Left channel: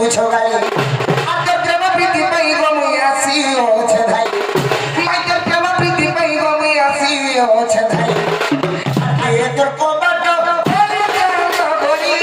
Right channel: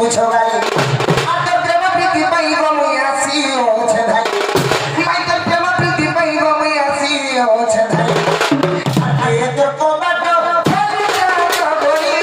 বুঝো গাই আজব প্রেম প্রীতি পাই গমে আসি ওছে ধাই আজব প্রেম প্রীতি পাই গমে আসি ওছে ধাই আগে তো কবাট ফেলে যাও গরি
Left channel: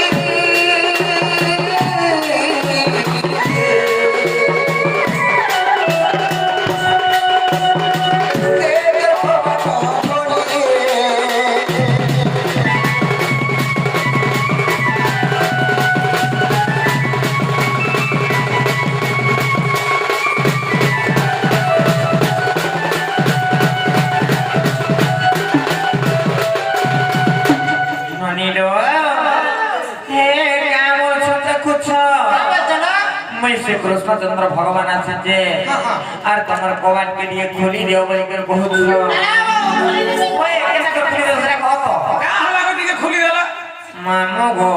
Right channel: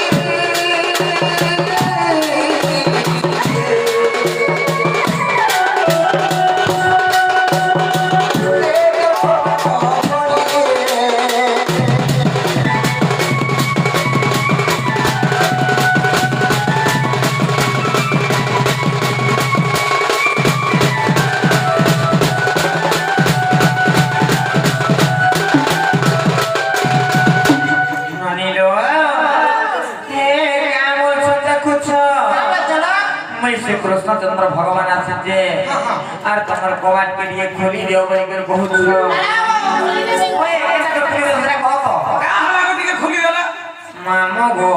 कृष्णचंद्र भगवान आसे और तुम्हारे कवाट के लिए खोली दियो बोल के बहुत मामो गो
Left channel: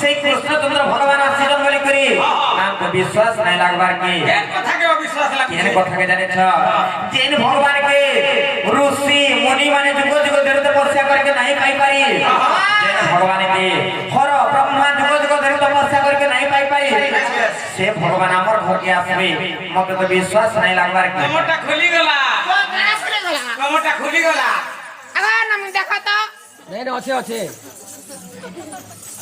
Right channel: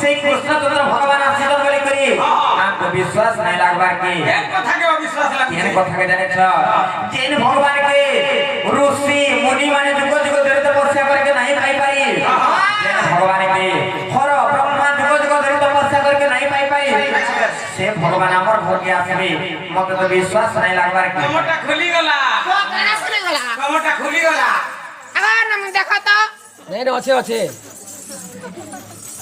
से कृष्णचंद्र भगवान आसे बोले करी आपको विश्वास नहीं लागबार के कथा के विश्वास लागे केन कथा के जाने छ जेन भगवान के ऋषि मुनि माने जुग जुग धरि तपस्या करके नहीं पाई पारी जेन भगवान के हर ब्रह्मा जुग जुग धरि तपस्या करके नहीं पाई पाई से भगवान हमर घर के आसबे मते तो विश्वास नहीं लागबार के कमटा खुली गला काना खुली गला कमटा खुली गला अगर नम देखा तो नहीं रे अच्छे अच्छे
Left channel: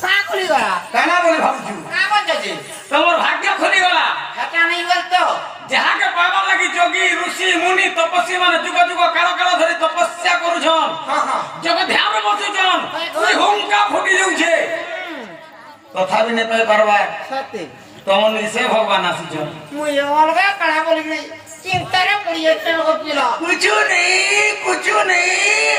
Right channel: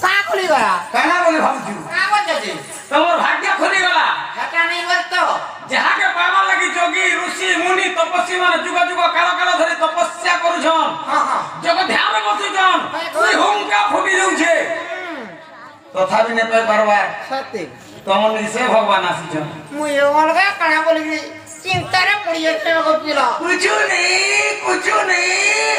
का खुली गला काना बोले भाबजू का बोल जे तोर भाग्य खुली गला हटा नहीं बोल तो जहा के पावा लगी जोगी ऋषि मुनि तपस्वी मान जुग जुग काल काल धरि तपस्या करूछन जग ध्यान बसुछन तुई हुंका फुटी जाउ छे तथापि ने पाई परवा सत्य तमन निसे भगवान आसीछन मुई अलगा काना बोल गई चिंता रे पड़ी है को पिला कुछ नहीं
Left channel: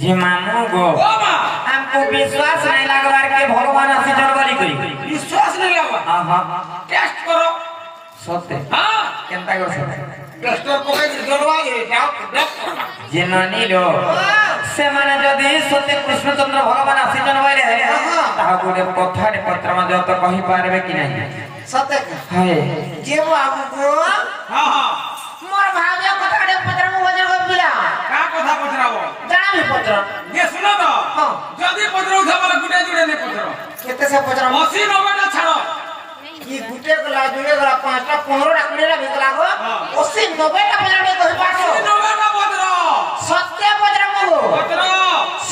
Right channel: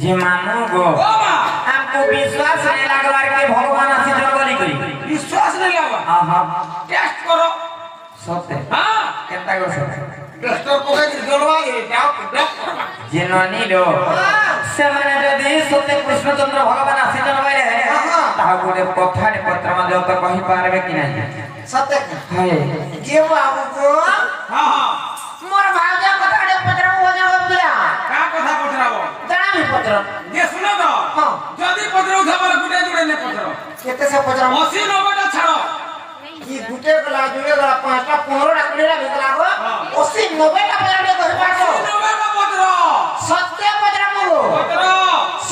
जी मामो गो ओ मां आपको विश्वास नहीं लागबार के भगवान आसे जलगली करी विश्वास नहीं लावा हां टेस्ट करो सत्य हां केनता गो टेस्ट पके जलवा ये जाओ जेननी लो से माने जदी सत्य कृष्णचंद्र भगवान आसे जनवाले है ता गोटे कथाटे पत्र मध्ये तो कहि पारबे कि नहीं सत्य है जे बाबू को हां हां मोर भाग्य कथाड़े पत्र बोल को पिला का कथा पचराबो जाना भी पत्र ये सुनो तो जदी पचरो थबर गुटे जुड़े ने पचरो केते से पत्र 80 90 टा छाड़ो की गुटे गला जुड़े गला पांचटा 15 टा कुड़ेला भेटला गो 80 90 टा पत्र को पासो 90 टा पचरो सत्य पत्र मु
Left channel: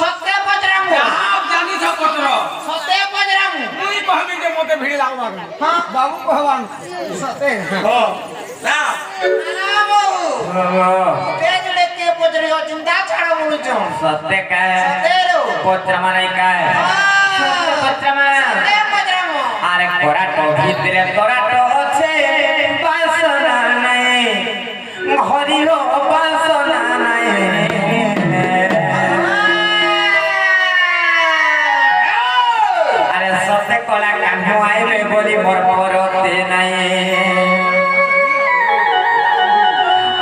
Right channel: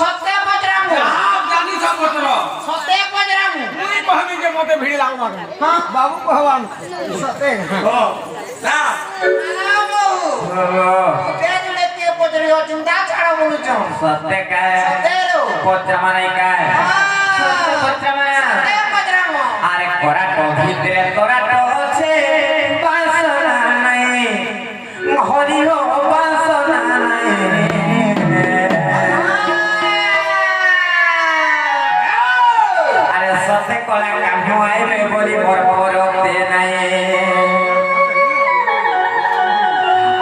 सत्य पत्र मु हां जानी सब पचरो सत्य पत्र मु मुई कहबी जे मते भिड़ लागबा हां बाबू कहवान सत्य हो ना बाबा पेजले के पत्र हो चिंता छाड़ा बोलु छ सत्य का तेरो पत्र माने का पत्र माने सत्य पत्र मु अरे कोरा तो भीतरे तोरा तो আছে বাসনা নাই হরি হো বাসনা নাই अरे सत्य कोला कान्हो आइबे बोली मोर परते নাই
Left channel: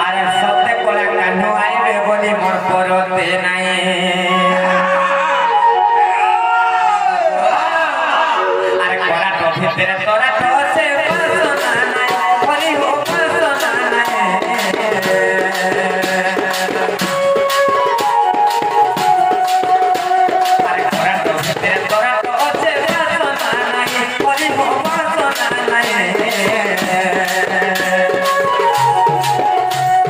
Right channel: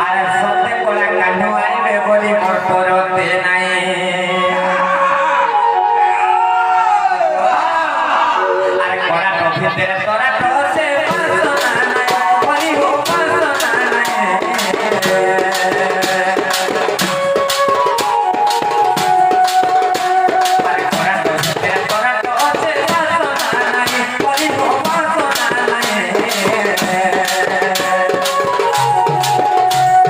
अरे सत्य कोला कान्हो आइबे बोली मोर परते নাই अरे कोरा तो भीतरे तोरा तो আছে বাসনা নাই হরি হো বাসনা নাই अरे कोरा तो भीतरे तोरा तो আছে বাসনা নাই হরি হো বাসনা নাই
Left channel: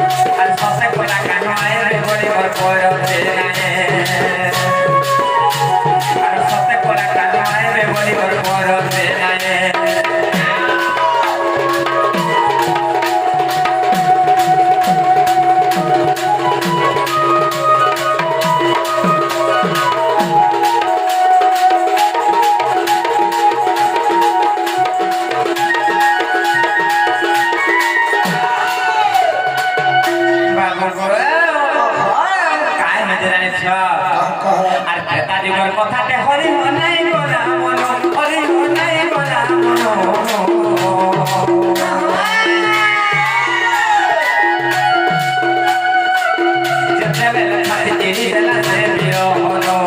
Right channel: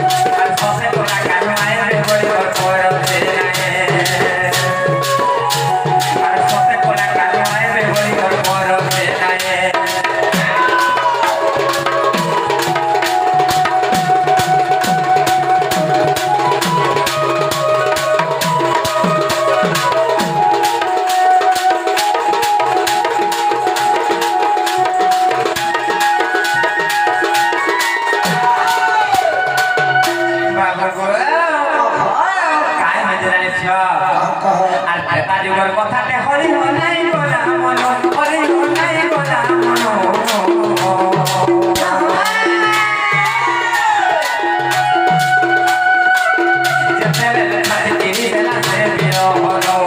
আর সবে কোলা কানো আইবে বলি মোর পরতে নাই আর সবে কোলা কানো আইবে বলি মোর পরতে নাই बाबा गो काय मजराने छ আর পেটা যুগের কথাতে হরি হো নাই গোলা মনো হরি হো নাই গোলা মনো যেতে বেলা খাই চিনি বেলা সে বিরহনো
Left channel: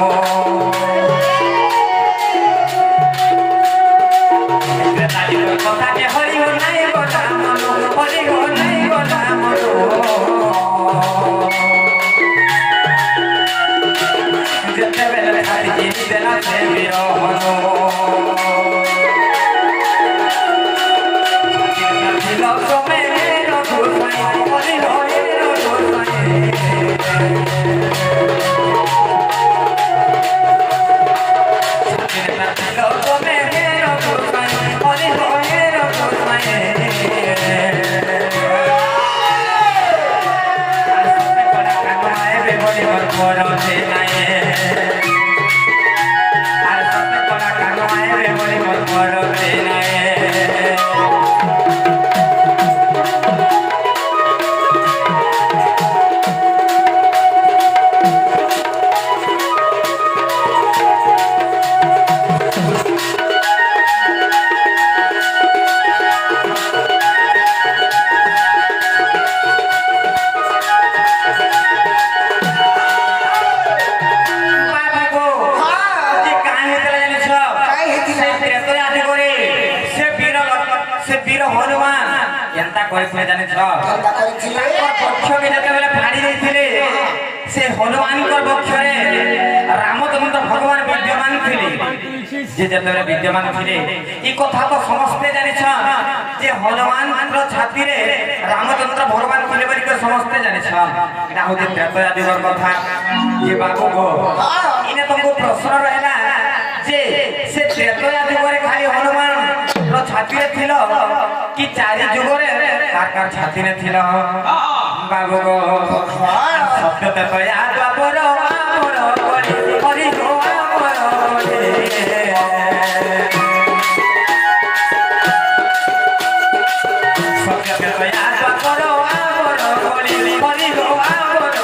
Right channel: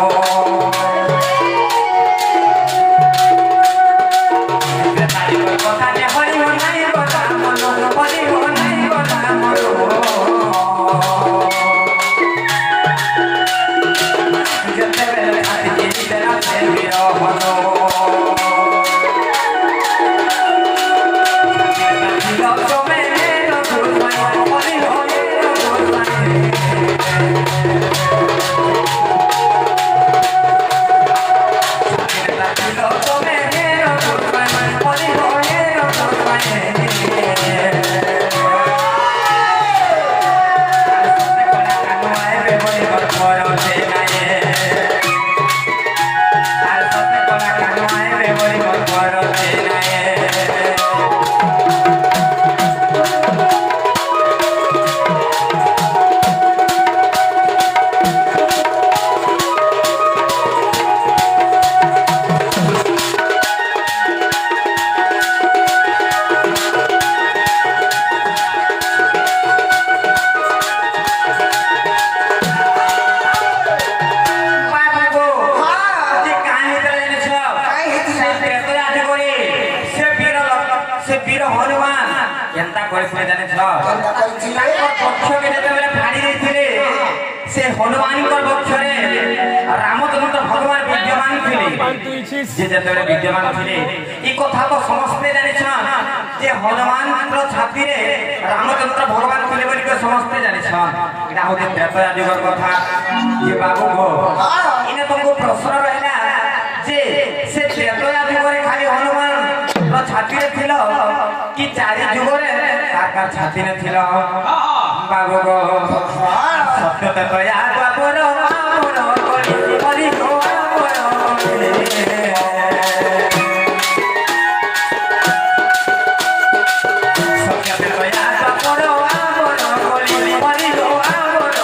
পেটা যুগের কথাতে হরি হো নাই গোলা মনো হরি হো নাই গোলা মনো যেতে বেলা খাই চিনি বেলা সে বিরহনো ସେ ବୀର ହନୁମାନ କେନ୍ତା କରିଥିଲେ ଜାଣିଛ କେନ୍ତା କରିଥିଲେ ପକ୍ଷକେ ଯେତେବେଳେ ପାଣି ଦେଇଥିଲେ ସେ ହନୁମାନଙ୍କ ପକ୍ଷରେ ରାମଚନ୍ଦ୍ର ଭଗବାନ ବିଦ୍ୟମାନ ଥିଲେ ସେ ଯେତେବେଳେ ବିଦ୍ୟମାନ ଥିଲେ ଏ କଥା ତ ସମସ୍ତେ ଜାଣିଛ ଯେ ହନୁମାନଙ୍କର ଛାତିରେ ରାମଚନ୍ଦ୍ର ଭଗବାନ ଥିଲେ ବୋଲି ସମସ୍ତେ ଜାଣିଛ ଏଇଟା ହଉଛି ତ୍ରେତୟା ଯୁଗର କଥା ଯେ ବାବୁ ଗୋ ଏଇନେ ତମକୁ ପ୍ରଶ୍ନ ରହିଲା ଯେ ସେ ତ୍ରେତୟା ଯୁଗରେ ଖାଲି ହନୁମାନର ଛାତିରେ ଥିଲ କି ଚାରି ଯୁଗରେ କାହାର ଛାତିରେ ଥିଲ ବାବୁ ଗୋ ସତ୍ୟ ତ୍ରେତୟା ଦ୍ୱାପର ଆମର ହରି ଗୋ ଆମର ସତ୍ୟ ତ୍ରେତୟା ଦ୍ୱାପର ଆମର ହରି ଗୋ ଆମର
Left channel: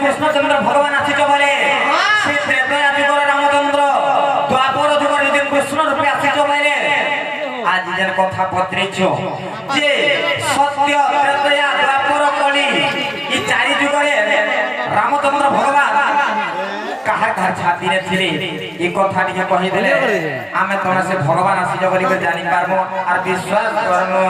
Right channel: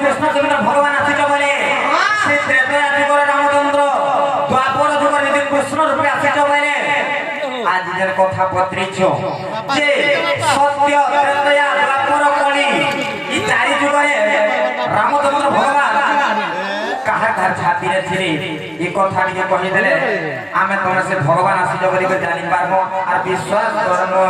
কৃষ্ণচন্দ্র ভগবান আসিছ বলে সে ত্রেতয়া যুগর রামচন্দ্র দ্বাপর যুগর যদি কৃষ্ণ রূপে আসিছ বলে আজকের কথা পত্রিছ যে সত্য ত্রেতয়া দ্বাপর কলি এই চারি যুগরে রামচন্দ্র ভগবান কাহা কাহা ছাতিরে ছিলে এই কথা টিকে কহিদেলে আমি তোমার সে ভগবান আসিছ বলি জানি পারবো আর বিশ্বাস করবো।